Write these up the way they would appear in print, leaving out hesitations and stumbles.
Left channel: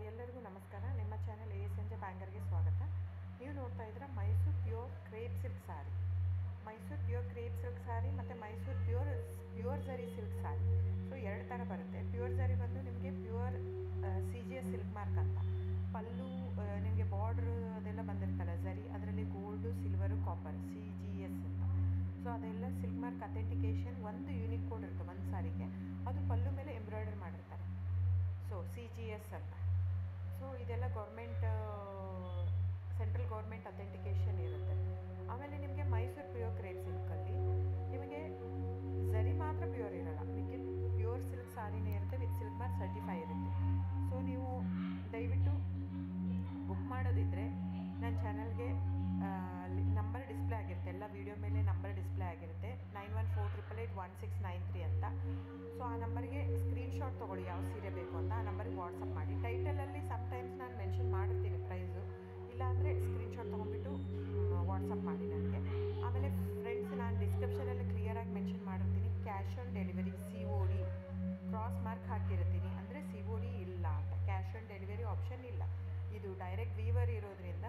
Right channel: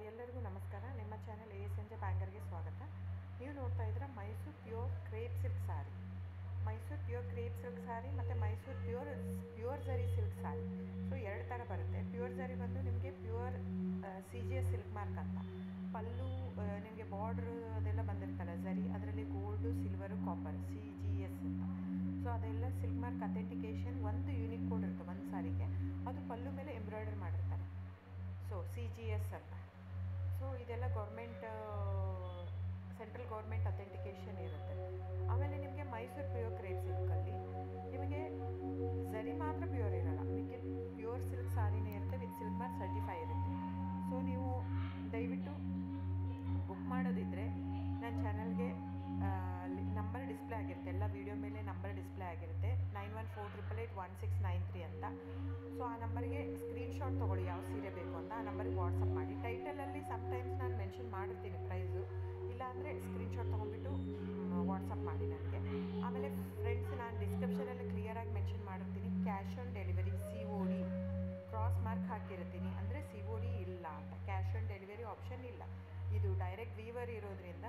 ಎಲ್ಲರಿಗೂ ನಮಸ್ಕಾರ. ನಿಮ್ಮ ಚಾನೆಲ್ ASNJ ಬ್ಯಾಂಗರ್ಗೆ ಸ್ವಾಗತ. ನೀವು ನೋಡ್ತಾ ಇದ್ದೀರಾ ಮೈಸೂರು ಪ್ಯೂರ್ ಕ್ರೇಪ್ ಸಿಲ್ಕ್ ಸಾರಿ. ಮೈಸೂರು ಪ್ಯೂರ್ ಕ್ರೇಪ್ ಸಿಲ್ಕ್ ಸಾರಿ ಮತ್ತು ಮೈಸೂರು ಪ್ಯೂರ್ ಝರಿ ಸಿಲ್ಕ್ ಸಾರಿ. ಸೊ ಎರಡು ಥರ ಬರುತ್ತೆ. ಪ್ಯೂರ್ ಝರಿ ಬಂದು ನಿಮಗೆ ಪ್ಯೂರ್ CGS ಸಿಲ್ಕ್ ಮಾರ್ಕ್ ಅಂತ. ಪಲ್ಲು ನಿಮಗೆ ಬಾರ್ಡ್ರು ಅದೆಲ್ಲ ಬಂದಿರ್ತಲ್ಲ ಝರಿ, ಅದರಲ್ಲಿ ಗೋಲ್ಡು, ಸಿಲ್ವರು, ಕಾಪರ್ CGS ಅಂತ. ಸೊ ಅದೆಲ್ಲ ಸಿಲ್ಕ್ ಮಾರ್ಕ್ ಅಥೆಂಟಿಕೇಷನ್ ಒಂದು ಯೂನಿಕ್ ಕೋಡ್ ಇರುತ್ತೆ ಒಂದು ಸಾರಿಗೆ. ಅದು ಪಲ್ಲು ಮೇಲೆ ಎಂಬ್ರಾಯ್ಡರ್ ಮಾಡಿರ್ತಾರೆ. ಸೊ CGS ಅಂತ. ಸೊ ಇದೆಲ್ಲ ಸೆಂಟ್ರಲ್ ಗೌರ್ಮೆಂಟ್ ಅಥೆಂಟಿಕೇಷನ್ ಇರುತ್ತೆ. ಆಮೇಲೆ ನಿಮಗೆ ಮೈಸೂರು ಪ್ಯೂರ್ ಕ್ರೇಪ್ ಸಿಲ್ಕಲ್ಲಿ ನಿಮಗೆ ಝರಿ ಮಾತ್ರ ಪ್ಯೂರ್ ಇರೋಲ್ಲ, ಮಿಕ್ಕಿದ ಪ್ಯೂರ್ ಸಿಲ್ಕ್ ಸಾರಿನೇ ಇರುತ್ತೆ, ವಿತ್ ಸಿಲ್ಕ್ ಮಾರ್ಕ್ ಸರ್ಟಿಫೈ ಇರುತ್ತೆ. ಸೊ ನೀವು ದಯವಿಟ್ಟು ಬುಕ್ ಮಾಡೋದಿದ್ದರೆ ನನ್ನ ಚಾನಲ್ಗೆ ನಂಬರ್ ಡಿಸ್ಪ್ಲೇ ಆಗಿರುತ್ತೆ, ಎಲ್ಲ ವೀಡಿಯೋ ಮೇಲೆ ನಂಬರ್ ಡಿಸ್ಪ್ಲೇ ಆಗಿರುತ್ತೆ, 9148881693 ಅಂತ. ಸೊ ಆ ನಂಬರ್ಗೆ ಸ್ಕ್ರೀನ್ಶಾಟ್ ತೊಗೊಳ್ಳಿ ಯಾವ ಸೀರೆ ಬೇಕು ಅಂತ, ಆ ನಂಬರ್ಗೆ ವಾಟ್ಸಪ್ ಮಾಡಿ. ಟೈಟಲಲ್ಲಿ ಸಮ್ಟೈಮ್ಸ್ ನಾನು ಮೆನ್ಷನ್ ಮಾಡಿರ್ತೀನಿ ಪ್ರೈಸು, ಇಲ್ಲಾಂದರೆ ಸ್ಕ್ರೀನ್ಶಾಟ್ ತೊಗೊಂಡ್ಬಿಟ್ಟು ವಾಟ್ಸಪ್ ಮಾಡಿ ನನಗೆ. ಆಮೇಲೆ ಫ್ರೆಂಡ್ಸ್, ನಾನು ಡಿಸ್ಕ್ರಿಪ್ಷನಲ್ಲಿ ಕ್ಲಿಯರಾಗಿ ಮೆನ್ಷನ್ ಮಾಡಿರ್ತೀನಿ, cash on delivery COD cross mark ಹಾಕಿರ್ತೀನಿ, ಅಂದರೆ COD ಇಲ್ಲ ಅಂತ, ಕ್ಯಾಶ್ ಆನ್ ಡೆಲಿವರಿ ಆಪ್ಷನ್ ಇಲ್ಲ. ಇದು ಡೈರೆಕ್ಟ್ ವೀವರ್ ಇರೋದ್ರಿಂದ,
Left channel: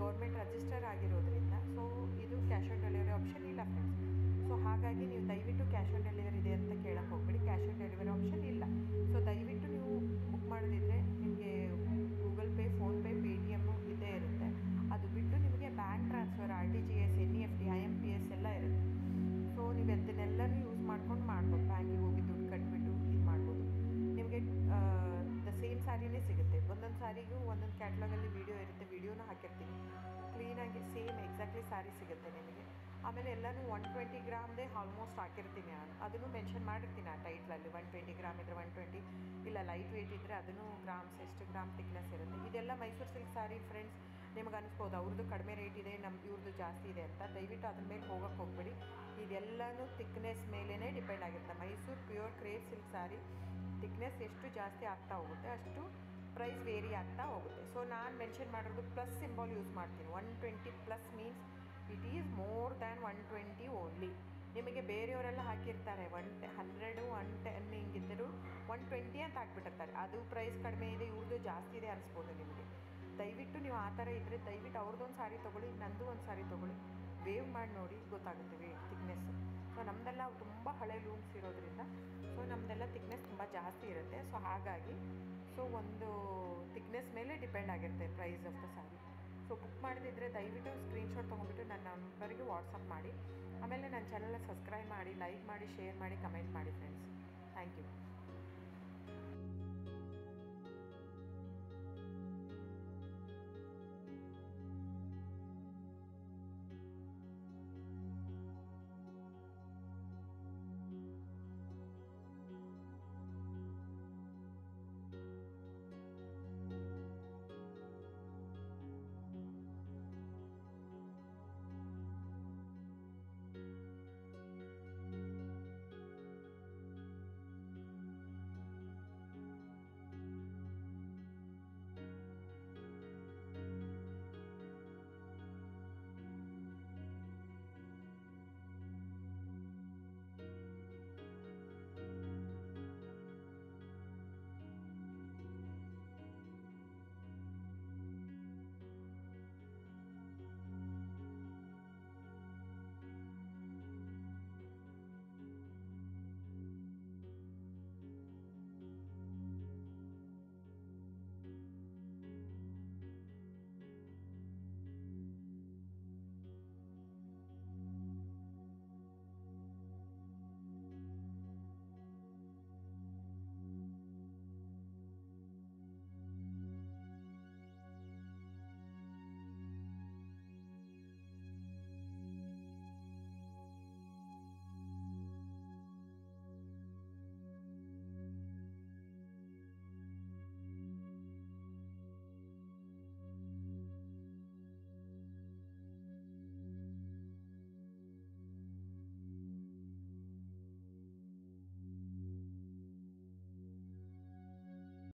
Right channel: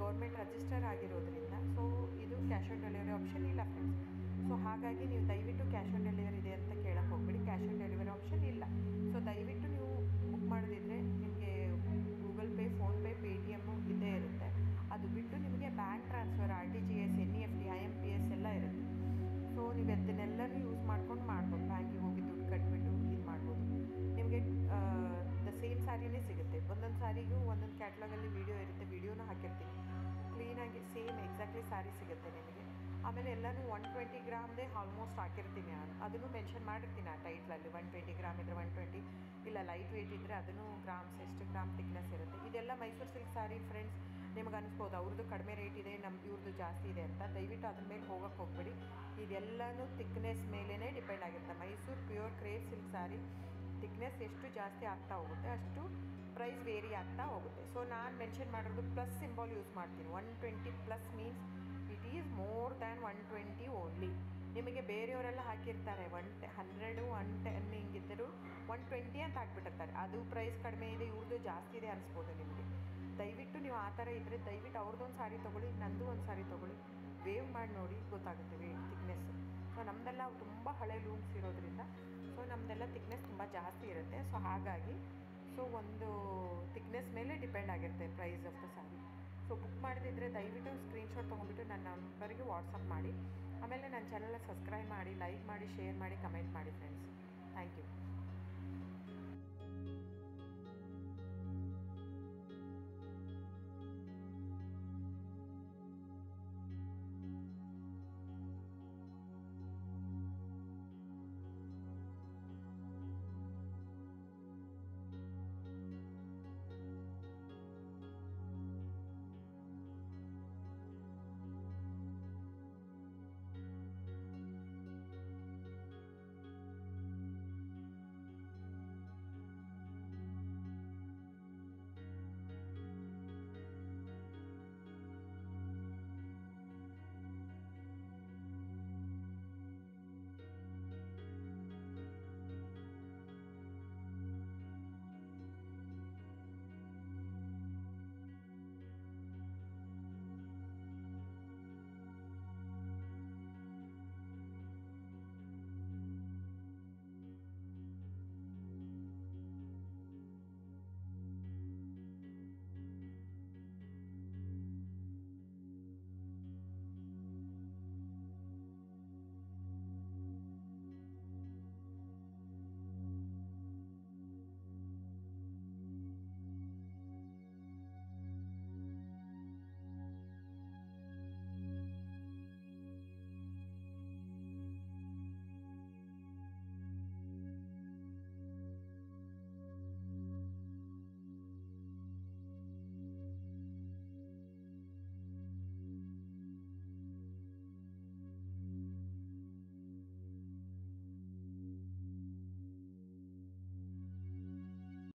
ಗೌರ್ಮೆಂಟ್ ರಿಜಿಸ್ಟರ್ ಆಗಿರೋದ್ರಿಂದ, ಸೊ ಇದು ಕ್ಯಾಶ್ ಆನ್ ಡೆಲಿವರಿ ಆಪ್ಷನ್ ಇಲ್ಲ ಫ್ರೆಂಡ್ಸ್. ಸೊ ಹಾಗಾಗಿ ನೀವು ದಯವಿಟ್ಟು ಕ್ಯಾಶ್ ಆನ್ ಡೆಲಿವರಿ ಇದೆ ಅಂತ ಕೇಳಕ್ಕೆ ಹೋಗ್ಬೇಡಿ, ಕ್ಯಾಶ್ ಆನ್ ಡೆಲಿವರಿ ಆಪ್ಷನ್ ಇಲ್ಲ. ಸೊ ದಯವಿಟ್ಟು ನೀವು ಬುಕ್ ಮಾಡೋದಿದ್ದರೆ ನಿಮಗೆ ಗೂಗಲ್ ಪೇ, ಫೋನ್ಪೇ, ಪೇಟಿಎಮ್ಮು ಇದ್ದೇ ಇರುತ್ತೆ. ಅದು ಬಿಟ್ಟು ನಿಮಗೆ bank transfer, RTGS, NEFT, IMPS ಎಲ್ಲ ಇರುತ್ತೆ. ಸೊ ನೀವು ಅದನ್ನೆಲ್ಲನೂ ಯೂಸ್ ಮಾಡ್ಕೊಂಡು ಮಾಡ್ಬೋದು. ಬ್ಯಾಂಕಿಗೆ ಹೋಗಿ ದುಡ್ಡು ಕಟ್ಬಿಟ್ಟು ಇದು ಮಾಡ್ಬೋದು. ನಿಮಗೆ ದ ಸೇಮ್ ಸ್ಯಾರಿನೇ ಸಿಗುತ್ತೆ. ಒಂದೊಂದು ಸ್ಯಾರಿಗೂ ಒಂದೊಂದು ಕ್ಯಾಟ್ಲಾಗಲ್ಲಿ ವೀಡಿಯೋ ಇರುತ್ತೆ, ವೀಡಿಯೋನ ಹಾಕಿರ್ತೀನಿ. ಕ್ಲೀನಾಗಿ ಸೇಮ್ ಎಕ್ಸಾಕ್ಟ್ಲಿ ಸ್ಯಾರಿ ಸಿಗುತ್ತೆ ನಿಮಗೆ. ಆಮೇಲೆ ಎಲ್ಲನೂ 120 ಗ್ರಾಮ್ದೇ ಆಲ್ಮೋಸ್ಟ್ ಹಾಕಿರ್ತೀನಿ ನಾನು, ಅದನ್ನು ಮೆನ್ಷನ್ ಮಾಡಿರ್ತೀನಿ ಆ ಟೈಟ್ಲಲ್ಲಿ. 120 ಗ್ರಾಮ್ ಇದ್ದರೆ 120, ಇಲ್ಲ ಲೈಟ್ ವೆಯ್ಟ್ ಇದ್ದರೆ ಅದನ್ನು ಗ್ರಾಮ್ಸ್ ಎಷ್ಟು ಗ್ರಾಮ್ ತಿಕ್ನೆಸ್ ಇರುತ್ತೆ. ಇದೆಲ್ಲ ಮೈಸೂರು ಸಿಲ್ಕ್ ಸಾರಿ ಫ್ರೆಂಡ್ಸ್. ನಿಮ್ಗೆ ಅನಿಸ್ಬೋದು ಅವ್ರದ್ದು ಕಡಿಮೆ ರೇಟ್ ಇದೆ, ಇವ್ರದ್ದು ಜಾಸ್ತಿ ಇದೆ ಅಂತ. ದಯವಿಟ್ಟು ಅದ್ರ ಮೇಲೆ ಹೋಗೋಕ್ಕೆ ಹೋಗ್ಬೇಡಿ. ಇದೆಲ್ಲನೂ ತಿಕ್ನೆಸ್ ಮೇಲೇ ಡಿಪೆಂಡ್ ಆಗಿರುತ್ತೆ. ಮೈಸೂರು ಪ್ಯೂರ್ ಕ್ರೇಪ್ ಸಿಲ್ಕ್ ಸಾರಿ ತಿಕ್ನೆಸ್ ಎಷ್ಟು ಜಾಸ್ತಿ ಆಗ್ತಾ ಹೋಗುತ್ತೆ ಅಷ್ಟು ಪ್ರೈಸ್ ವೇರಿ ಆಗ್ತಾ ಹೋಗುತ್ತೆ. ಸೊ ನಾನು ಮೆನ್ಷನ್ ಮಾಡಿರೋದು ಪ್ಲಸ್ ಸಿಂಬಾಲ್ ಯೂಸ್ ಮಾಡ್ತೀನಿ. 120 plus means it is more than 120 only. ನಿಮಗೆ ಬೇರೆಯವರೆಲ್ಲ ಹಾಕಿರ್ತಾರೆ 100, 110 ಹಿಂಗಿದ್ದರೂ 120 ಅಂತ ಹಾಕ್ಬಿಟ್ಟಿರ್ತಾರೆ. ಅದು ಪ್ರೈಸ್ ಕಡಿಮೆ ಇದೆ, ಇವ್ರದ್ದು ಜಾಸ್ತಿ ಇದೆ ಅನಿಸ್ಬೋದು ನಿಮಗೆ. ದಯವಿಟ್ಟು ನೀವು ಆ ಥರ ಇದ್ದರೆ ದಯವಿಟ್ಟು ಅವ್ರದ್ದೊಂದು ಸಾರಿ ತೊಗೊಳ್ಳಿ, ನಂದು ಒಂದು ಸಾರಿ ತೊಗೊಳ್ಳಿ, ವೇವ್ ಮಾಡಿ ನೋಡಿ, ಗೊತ್ತಾಗುತ್ತೆ ತಿಕ್ನೆಸ್ಸು. ಸೊ ನಮ್ಮದೆಲ್ಲ ತುಂಬ ಹಳೆ ಲೂಮ್ಸ್ ಇರೋದ್ರಿಂದ ಸೊ ನಮ್ಮದೆಲ್ಲ ತಿಕ್ನೆಸ್ ತುಂಬ ಜಾಸ್ತಿ ಇರುತ್ತೆ. ಸೊ ಹಾಗಾಗಿ ಒಂದು ತಿಕ್ನೆಸ್ ಮೇಲೆ ಡಿಪೆಂಡ್ ಆಗಿರುತ್ತೆ price of the sari. So book ಮಾಡದಿದ್ದರೆ ದಯವಿಟ್ಟು ಸ್ಕ್ರೀನ್ಶಾಟ್ ತೊಗೊಂಡ್ಬಿಟ್ಟು ನನ್ನ ನಂಬರ್ಗೆ ವಾಟ್ಸಪ್ ಮಾಡಿ. ಆಮೇಲೆ ನನ್ನ ಚಾನಲ್ನ ಸಬ್ಸ್ಕ್ರೈಬ್ ಮಾಡಿ, ಲೈಕ್ ಮಾಡಿ, ಶೇರ್ ಮಾಡಿ, ಕಮೆಂಟ್ ಮಾಡಿ ಫ್ರೆಂಡ್ಸ್. Thank you.